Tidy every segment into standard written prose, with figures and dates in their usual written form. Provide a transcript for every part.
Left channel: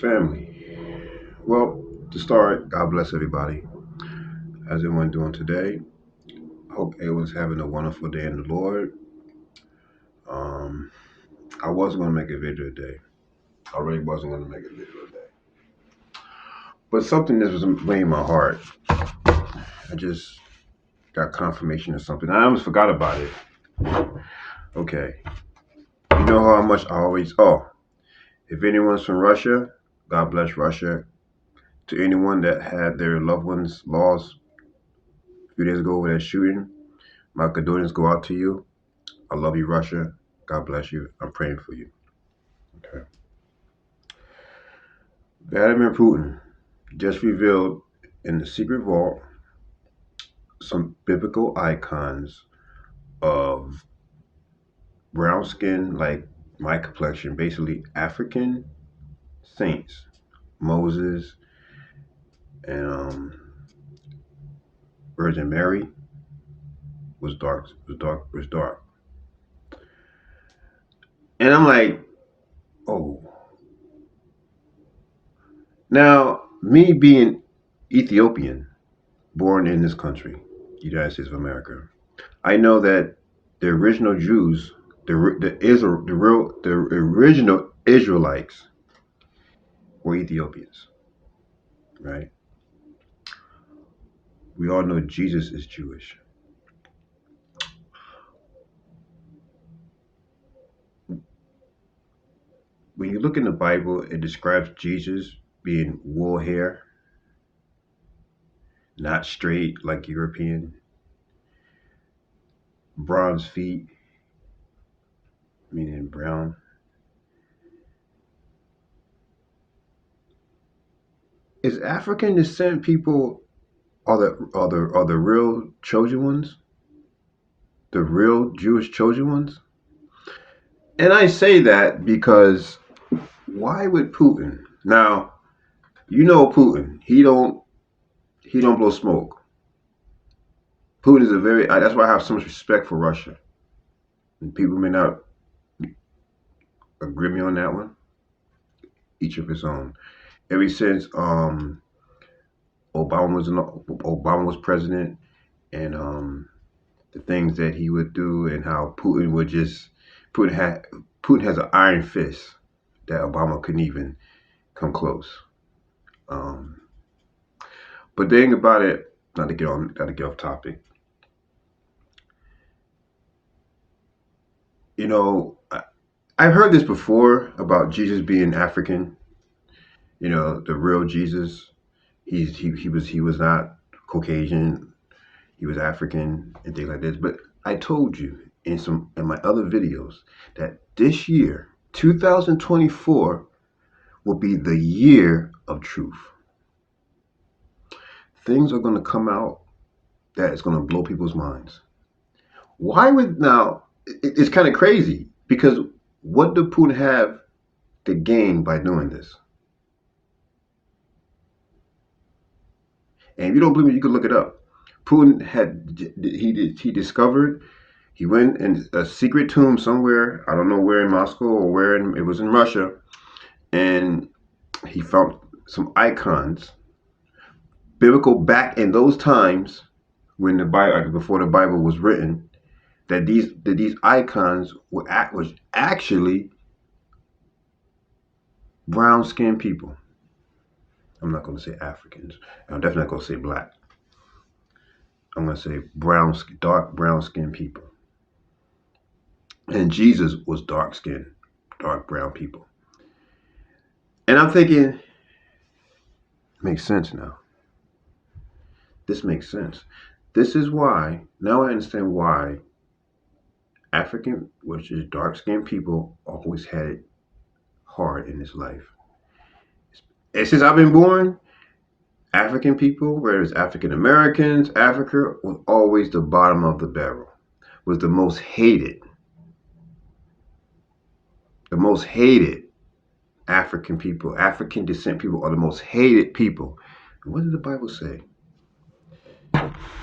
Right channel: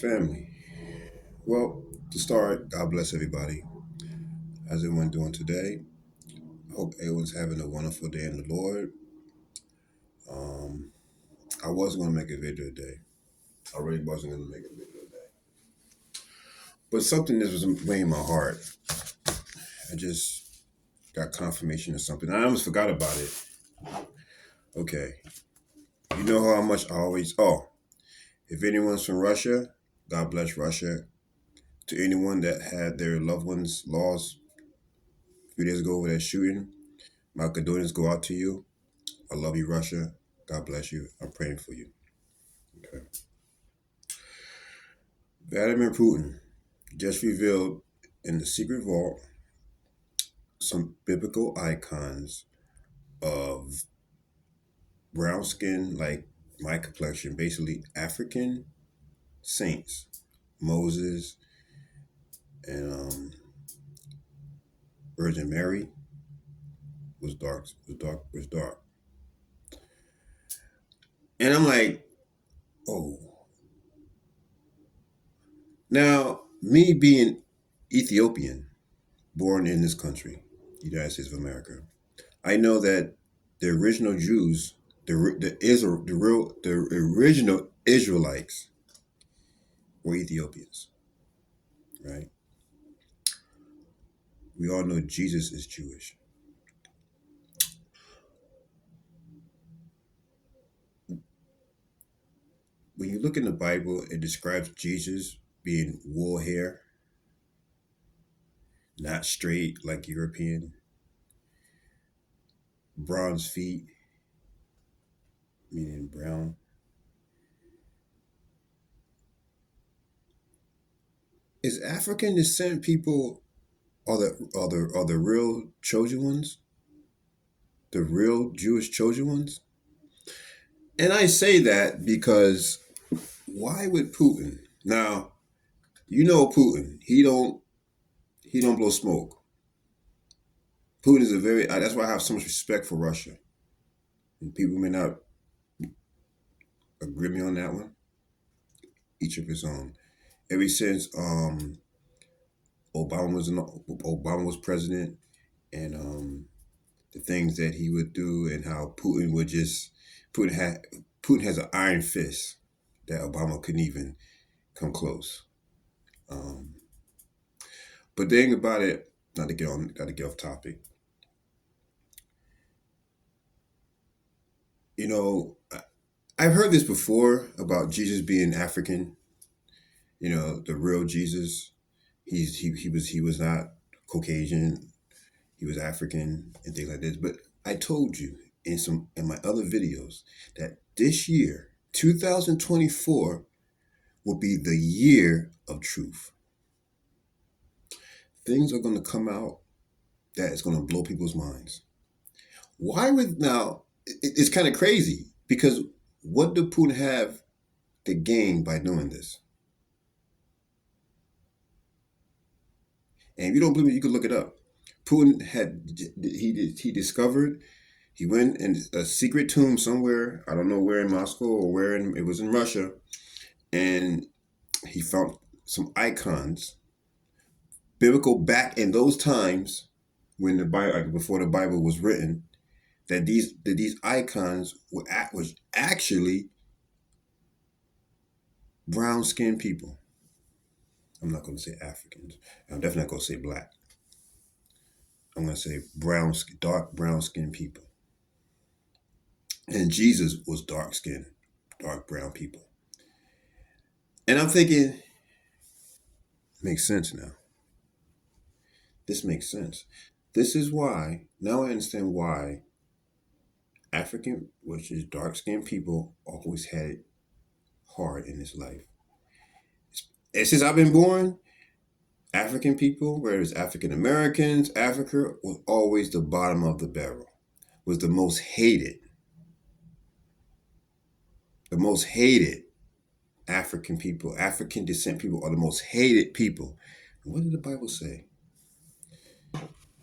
Family. Well, to start, God bless everybody. How's everyone doing today? I hope everyone's having a wonderful day in the Lord. Um, I wasn't going to make a video today. I really wasn't going to make a video today. But something that was weighing my heart. I just got confirmation of something. I almost forgot about it. Okay. You know how much I always. Oh, if anyone's from Russia, God bless Russia. To anyone that had their loved ones lost a few days ago with that shooting, my condolences go out to you. I love you, Russia. God bless you. I'm praying for you. Okay. Vladimir Putin just revealed in the secret vault some biblical icons of brown skin, like my complexion, basically African saints. Moses and Virgin Mary was dark. And I'm like, oh. Now, me being Ethiopian, born in this country, United States of America, I know that the original Jews, the original Israelites were Ethiopians, right? We all know Jesus is Jewish. When you look in the Bible, it describes Jesus being wool hair, not straight like European, bronze feet, meaning brown. Is African descent people are the real chosen ones? The real Jewish chosen ones? And I say that because why would Putin? Now, you know Putin. He don't blow smoke. Putin is a very that's why I have so much respect for Russia. And people may not agree with me on that one. Each of his own. Ever since Obama was president and the things that he would do and how Putin had Putin has an iron fist that Obama couldn't even come close. Um, but the thing about it, not to get off topic. You know, I've heard this before about Jesus being African. You know, the real Jesus. He was not Caucasian. He was African and things like this. But I told you in my other videos that this year, 2024, will be the year of truth. Things are going to come out that is going to blow people's minds. Why would now? It's kind of crazy because what did Putin have to gain by doing this? And if you don't believe me, you can look it up. Putin he discovered he went in a secret tomb somewhere. I don't know where in Moscow or where it was in Russia, and he found some icons, biblical back in those times when the Bible before the Bible was written. That these icons was actually brown skinned people. I'm not going to say Africans. I'm definitely not going to say black. I'm going to say dark brown skinned people. And Jesus was dark skinned, dark brown people. And I'm thinking, makes sense now. This makes sense. This is why, now I understand why African, which is dark skinned people, always had it hard in this life. And since I've been born, African people, whether it's African Americans, Africa was always the bottom of the barrel, was the most hated. The most hated African people, African descent people are the most hated people. And what did the Bible say?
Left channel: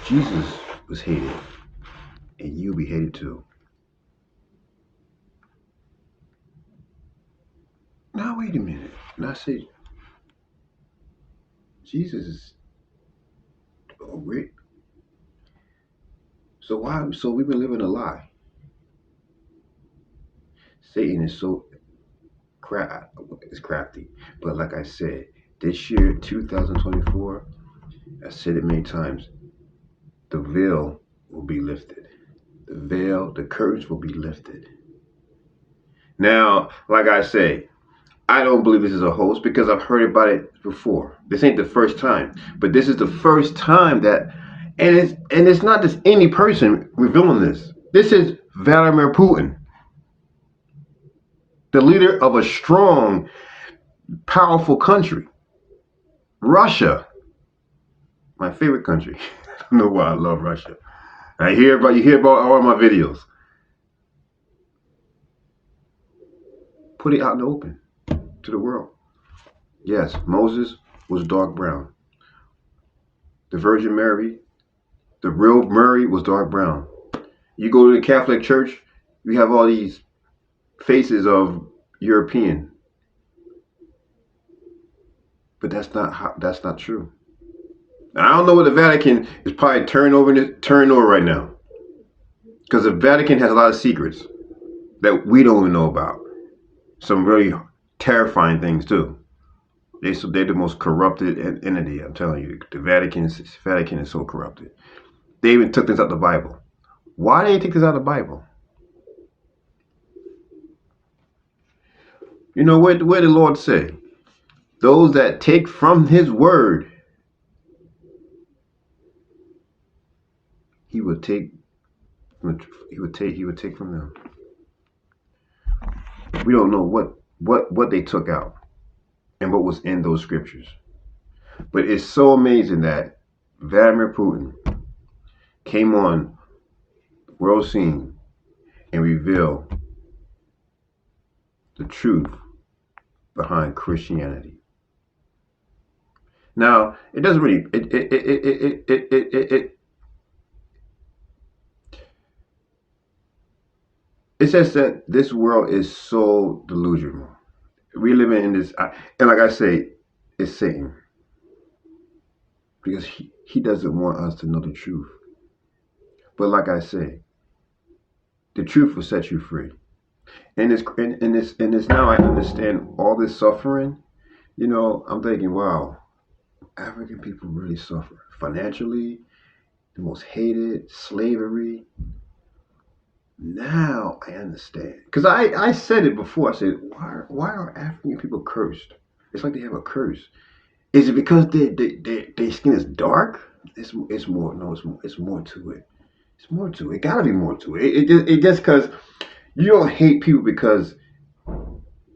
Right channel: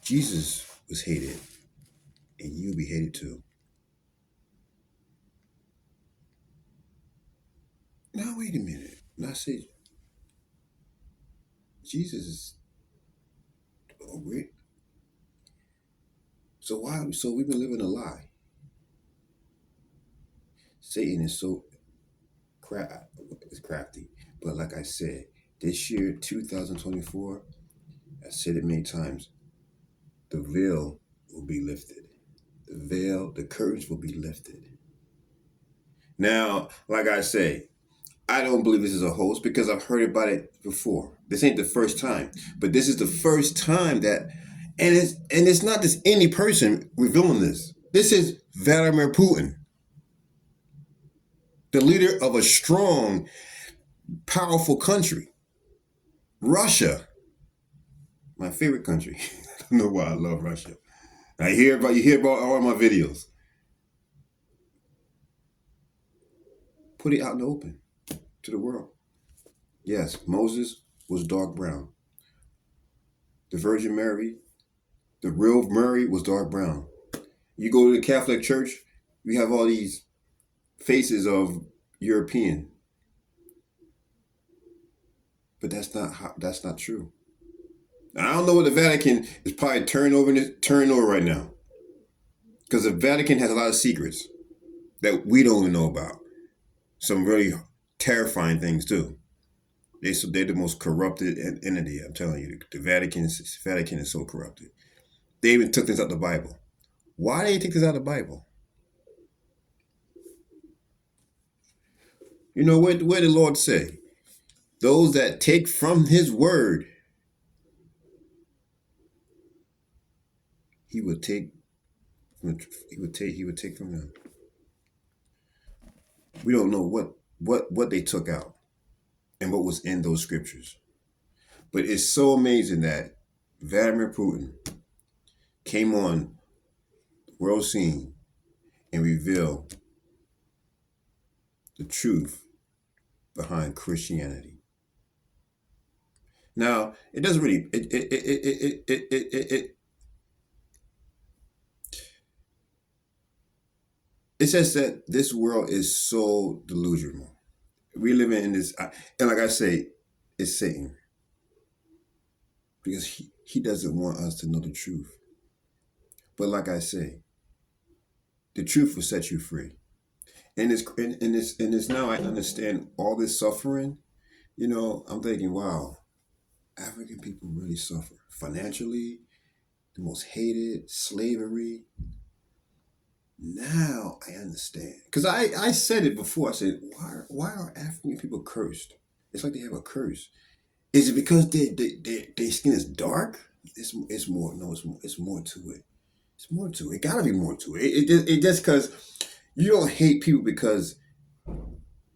Jesus was hated, and you'll be hated too. Now, wait a minute. Now, I say, Jesus is weird. So why? So we've been living a lie. Satan is so it's crafty. But like I said, this year, 2024, I said it many times, the veil will be lifted. The veil, the curtains will be lifted. Now, like I say, I don't believe this is a hoax because I've heard about it before. This ain't the first time, but this is the first time that, and it's not just any person revealing this. This is Vladimir Putin, the leader of a strong, powerful country. Russia, my favorite country. I don't know why I love Russia. You hear about all my videos. Put it out in the open to the world. Yes, Moses was dark brown. The Virgin Mary, the real Mary, was dark brown. You go to the Catholic Church, you have all these faces of European. But that's not true. I don't know what the Vatican is probably turning over right now. Because the Vatican has a lot of secrets that we don't even know about. Some really terrifying things too. They're the most corrupted entity, I'm telling you. The Vatican is so corrupted. They even took this out of the Bible. Why did they take this out of the Bible? You know, where the Lord say, those that take from his word, he would take from them. We don't know what they took out and what was in those scriptures. But it's so amazing that Vladimir Putin came on the world scene and revealed the truth behind Christianity. Now, it doesn't really it says that this world is so delusional. We live in this, and like I say, it's Satan. Because he doesn't want us to know the truth. But like I say, the truth will set you free. And it's now I understand all this suffering. You know, I'm thinking, wow, African people really suffer financially, the most hated, slavery. Now I understand. Because I said it before. I said, why are African people cursed? It's like they have a curse. Is it because their skin is dark? It's more. No, it's more to it. It's more to it. It gotta be more to it. It just because you don't hate people because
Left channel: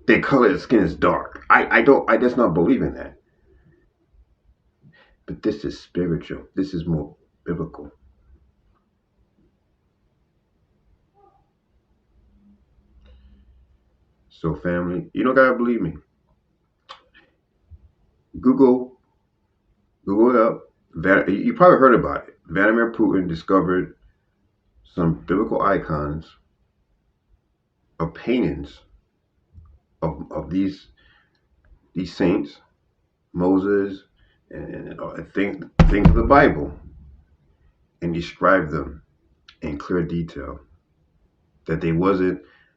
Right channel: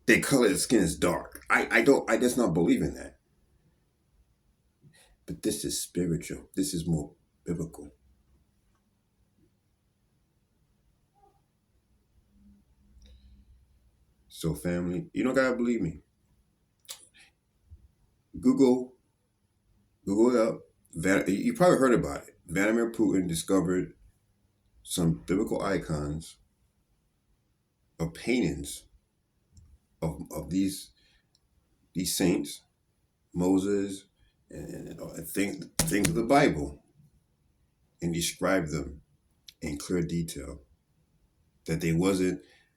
their color of skin is dark. I just not believe in that. But this is spiritual. This is more biblical. So family, you don't gotta believe me. Google it up. You probably heard about it. Vladimir Putin discovered some biblical icons of paintings of these saints, Moses, and things of the Bible, and described them in clear detail. That they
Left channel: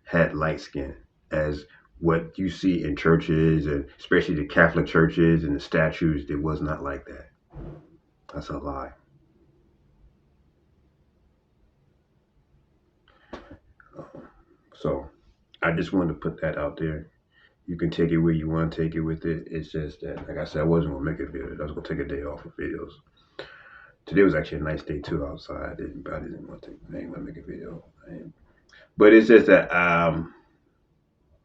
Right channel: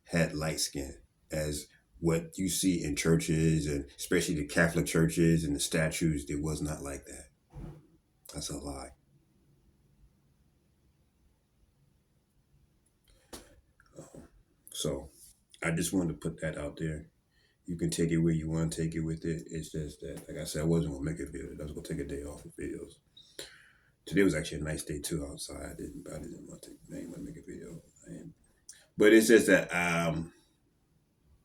had light skin as what you see in churches, and especially the Catholic churches and the statues. It was not like that. That's a lie. So I just wanted to put that out there. You can take it where you want to take it with it. It's just that, like I said, I wasn't going to make a video. I was going to take a day off of videos. Today was actually a nice day too outside. I didn't want to make a video. But it's just that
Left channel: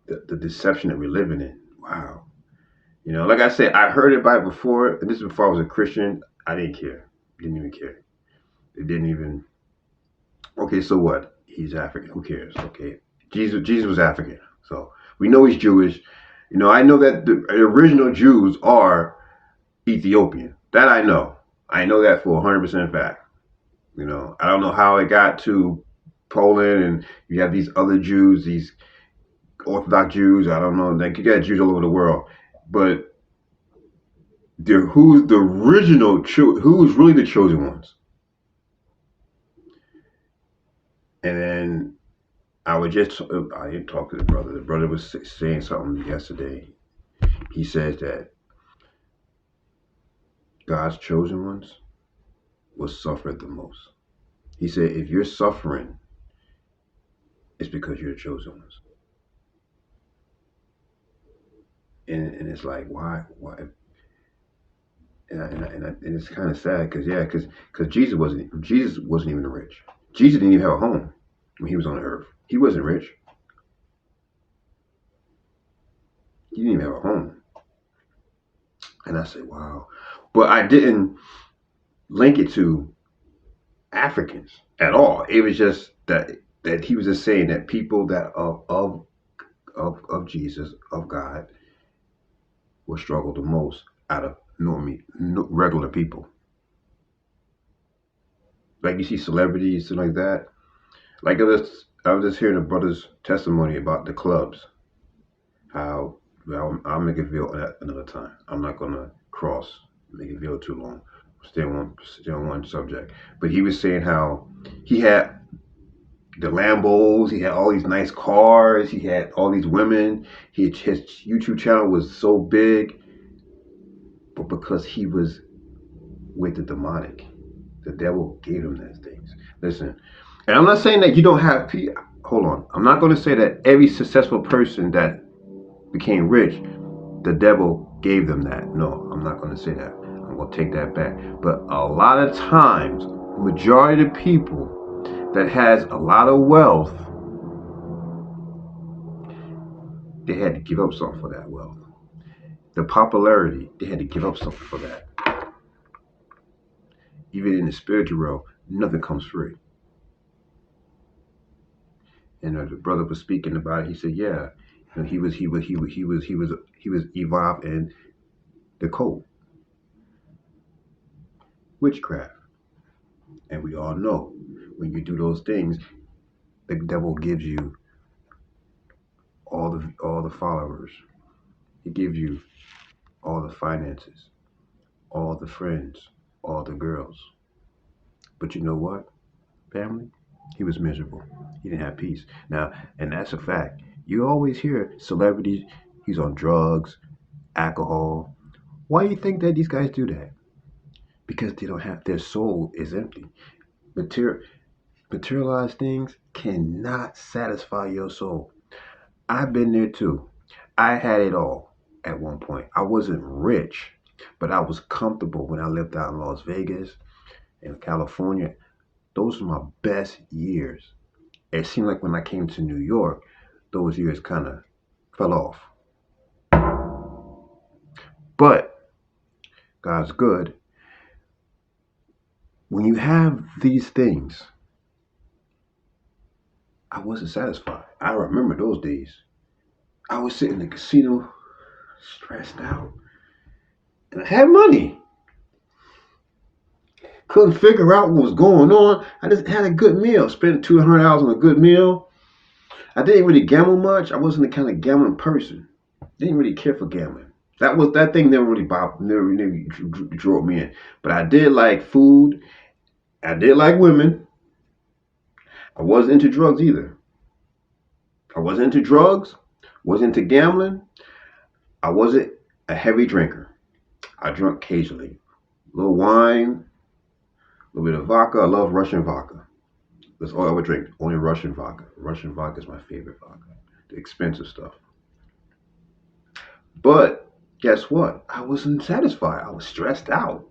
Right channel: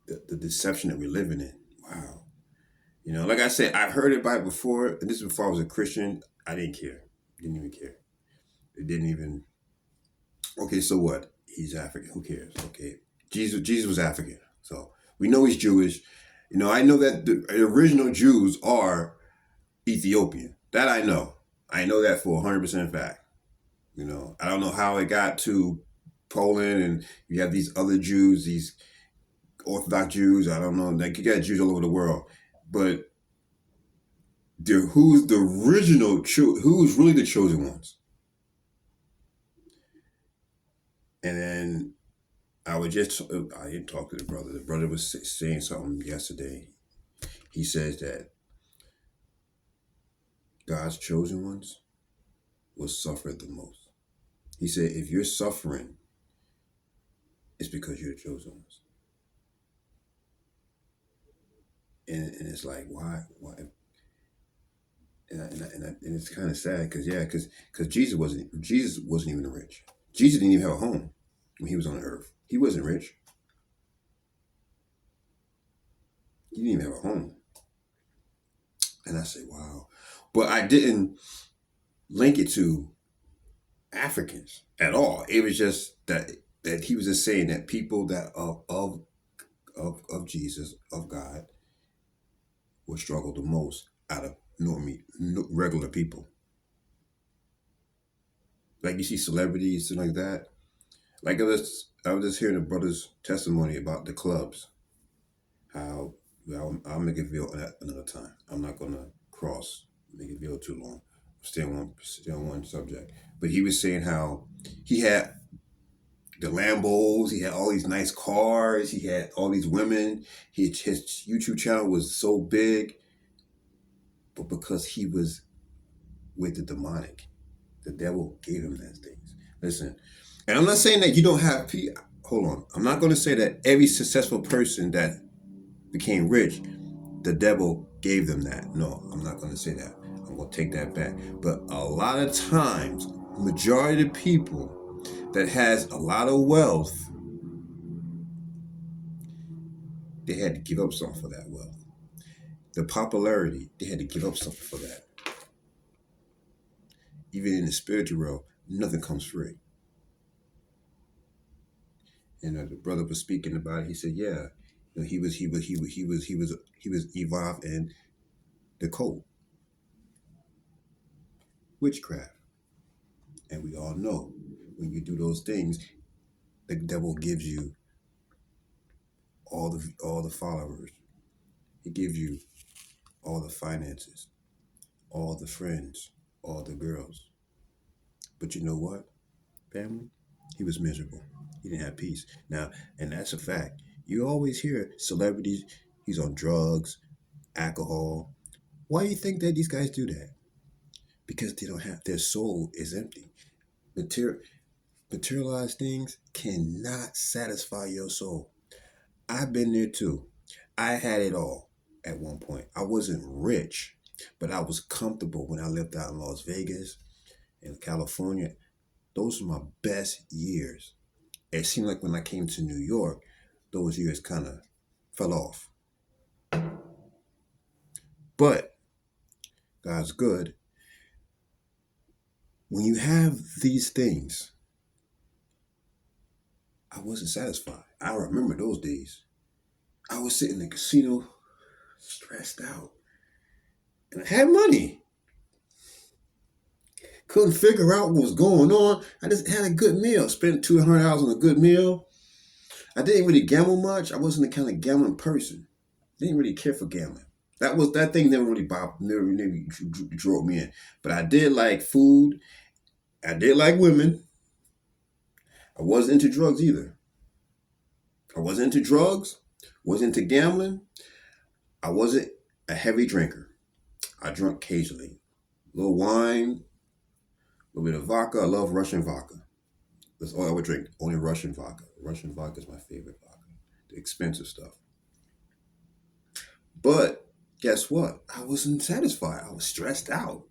the deception that we're living in. Wow. You know, like I said, I've heard it by before, and this is before I was a Christian. I didn't care. Didn't even care. It didn't even. Okay, so what? He's African. Who cares? Okay. Jesus was African. So we know he's Jewish. You know, I know that the original Jews are Ethiopian. That I know. I know that for 100% fact. You know, I don't know how it got to Poland, and you have these other Jews, these Orthodox Jews. I don't know. Like, you got Jews all over the world. But who's the original, who's really the chosen ones. And then I didn't talk to the brother. The brother was saying something yesterday. He says that God's chosen ones will suffer the most. He said, if you're suffering, it's because you're the chosen ones. And it's like, why? And it's kind of sad because Jesus wasn't even rich. Jesus didn't even have a home when he was on the earth. He wasn't rich. He didn't even have a home. And I said, wow. But I didn't link it to Africans at all. It was just that he was just saying that people that of Jesus, of God, will struggle the most out of regular people. Like you see celebrities and like that. Like I was just hearing a brother's testimony about the clubs. How, well, I'll make it video another time. I'm not gonna make it video too long. Stay on one subject. But he was saying how he had the Lambos, he had all these nice cars, he had all these women. His YouTube channel was so big, but because he was with the demonic, the devil gave him those things. Listen, and I'm not saying that you don't have people. Hold on. I'm not going to say that every successful person that became rich, the devil gave them that. No, I'm not going to say that. I'm going to take that back. But a lot of times, majority of people that has a lot of wealth, they had to give up something for that wealth. The popularity, they had to give up something for that. Even in the spiritual realm, nothing comes free. And the brother was speaking about it. He said, "Yeah, he was evolved in the cult, witchcraft, and we all know when you do those things, the devil gives you all the followers. He gives you all the finances, all the friends, all the girls. But you know what, family? He was miserable. He didn't have peace. Now, and that's a fact. You always hear celebrities, he's on drugs, alcohol. Why do you think that these guys do that? Because they don't have, their soul is empty. Materialized things cannot satisfy your soul. I've been there too. I had it all at one point. I wasn't rich, but I was comfortable when I lived out in Las Vegas, in California. Those were my best years. It seemed like when I came to New York, those years kind of fell off. But God's good. When you have these things, I wasn't satisfied. I remember those days. I was sitting in the casino, stressed out, and I had money. Couldn't figure out what was going on. I just had a good meal. Spent $200 on a good meal. I didn't really gamble much. I wasn't the kind of gambling person. Didn't really care for gambling. That thing never really drove me in. But I did like food. I did like women. I wasn't into drugs either. I wasn't into drugs. Wasn't into gambling. I wasn't a heavy drinker. I drank occasionally. A little wine, a little bit of vodka. I love Russian vodka. That's all I would drink. Only Russian vodka. Russian vodka is my favorite vodka. The expensive stuff. But guess what? I wasn't satisfied. I was stressed out.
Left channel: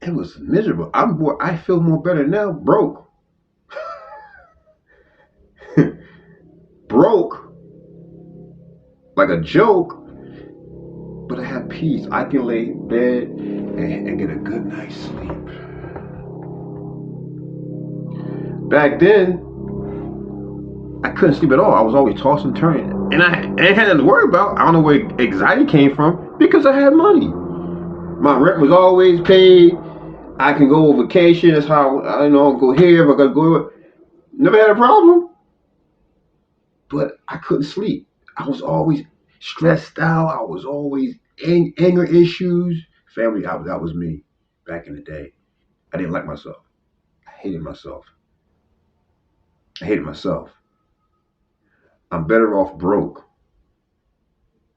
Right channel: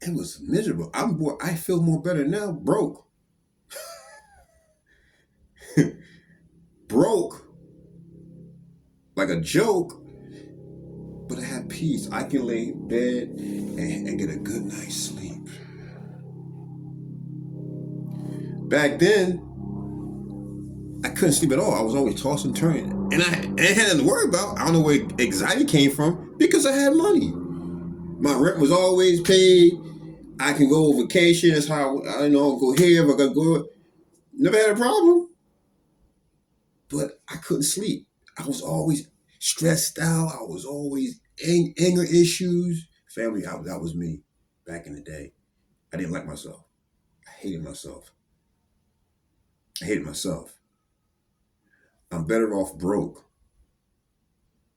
It was miserable. I feel more better now, broke. Broke. Like a joke. But I have peace. I can lay in bed and get a good night's sleep. Back then, I couldn't sleep at all. I was always tossing and turning. And I ain't had nothing to worry about. I don't know where anxiety came from because I had money. My rent was always paid. I can go on vacation. That's how I go here. If I gotta go, never had a problem. But I couldn't sleep. I was always stressed out. I was always anger issues. Family, that was me back in the day. I didn't like myself. I hated myself. I hated myself. I'm better off broke,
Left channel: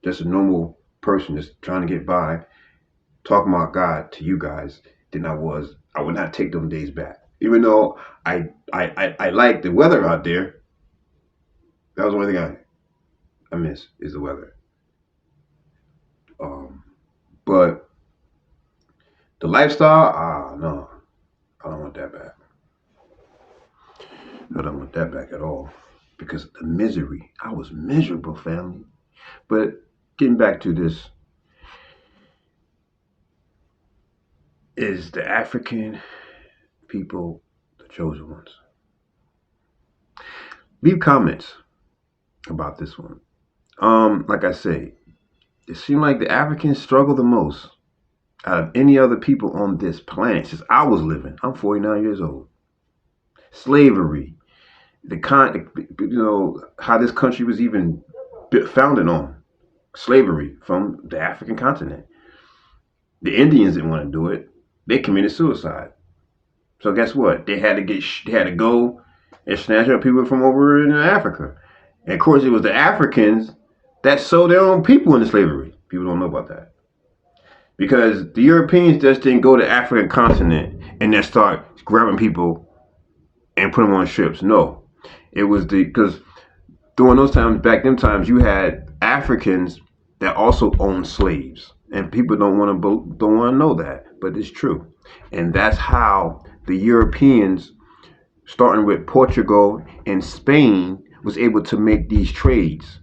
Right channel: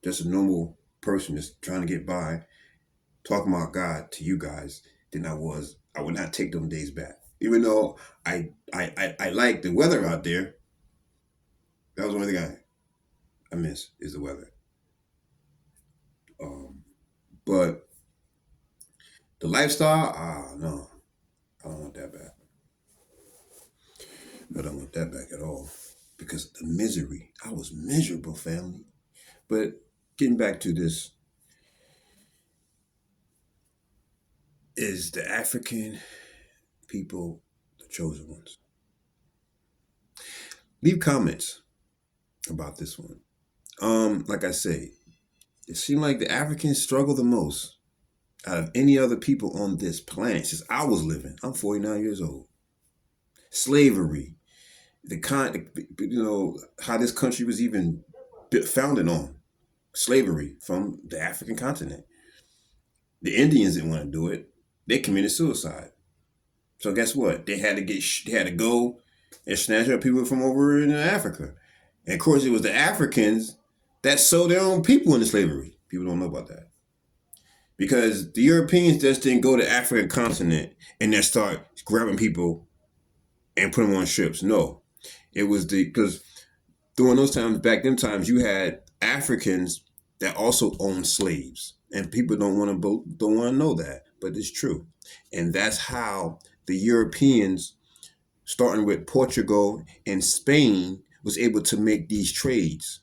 just a normal person just trying to get by, talking about God to you guys than I was. I would not take them days back. Even though I like the weather out there. That was the only thing I miss is the weather. But the lifestyle, no, I don't want that back. I don't want that back at all. Because the misery, I was miserable, family. But getting back to this, is the African people the chosen ones? Leave comments about this one. Like I say, it seemed like the Africans struggle the most out of any other people on this planet since I was living. I'm 49 years old. Slavery, how this country was even founded on slavery from the African continent. The Indians didn't want to do it. They committed suicide. So guess what? They had to go and snatch up people from over in Africa. And of course, it was the Africans that sold their own people into slavery. People don't know about that. Because the Europeans just didn't go to the African continent and then start grabbing people and put them on ships. No. It was because during those times, back them times, you had Africans that also owned slaves. And people don't want to know that, but it's true. And that's how the Europeans, starting with Portugal and Spain, was able to make these trades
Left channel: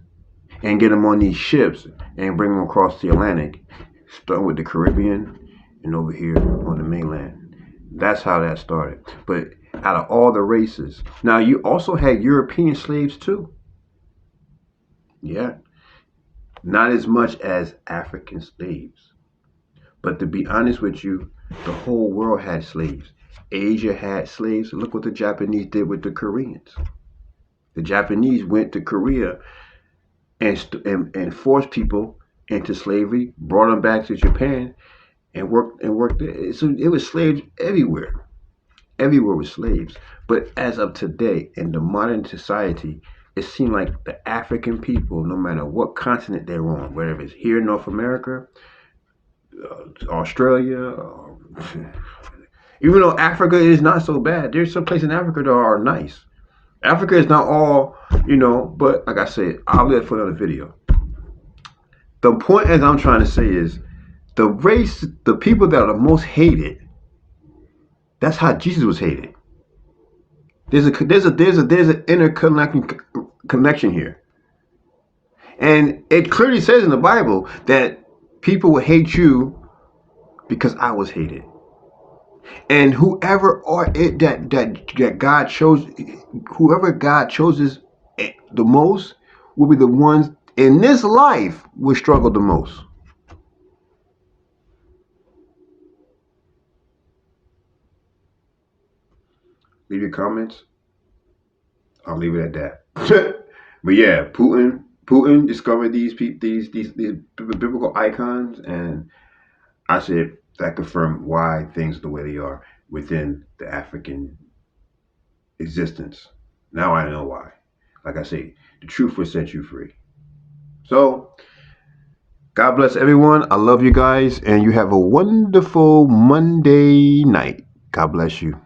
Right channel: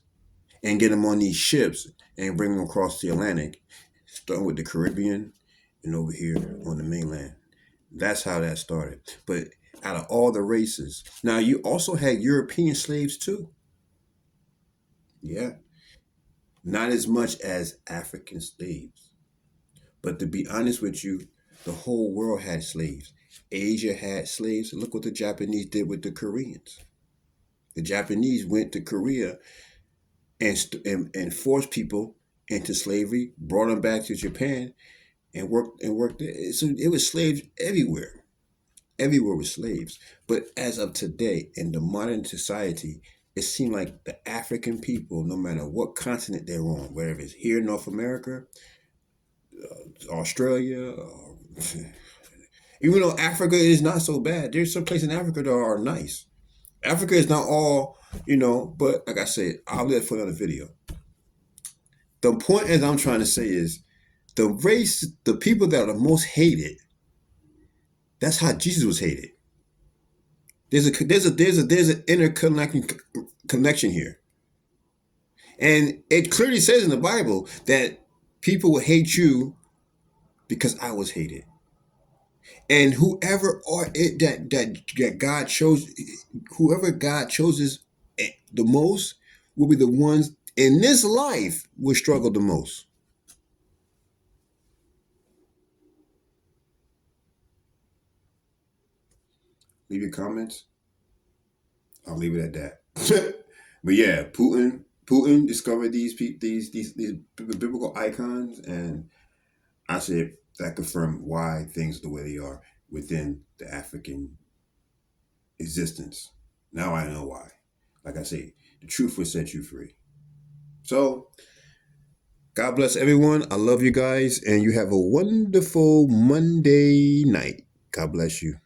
and get them on these ships and bring them across the Atlantic, starting with the Caribbean and over here on the mainland. That's how that started. But out of all the races, now you also had European slaves too. Yeah. Not as much as African slaves. But to be honest with you, the whole world had slaves. Asia had slaves. Look what the Japanese did with the Koreans. The Japanese went to Korea and forced people into slavery, brought them back to Japan, and worked there. So it was slaves everywhere. Everywhere was slaves. But as of today, in the modern society, it seemed like the African people, no matter what continent they're on, whether it's here in North America, Australia, even though Africa is not so bad, there's some places in Africa that are nice. Africa is not all, but like I said, I'll leave it for another video. The point as I'm trying to say is the people that are the most hated, that's how Jesus was hated. There's an interconnecting connection here. And it clearly says in the Bible that people will hate you because I was hated. And whoever God chooses the most will be the ones in this life will struggle the most. Leave your comments. I'll leave it at that. But yeah, Putin discovered these biblical icons, and I said that confirmed why things are the way they are within the African existence. Now I know why. Like I say, the truth will set you free. So, God bless everyone. I love you guys, and you have a wonderful Monday night. God bless you.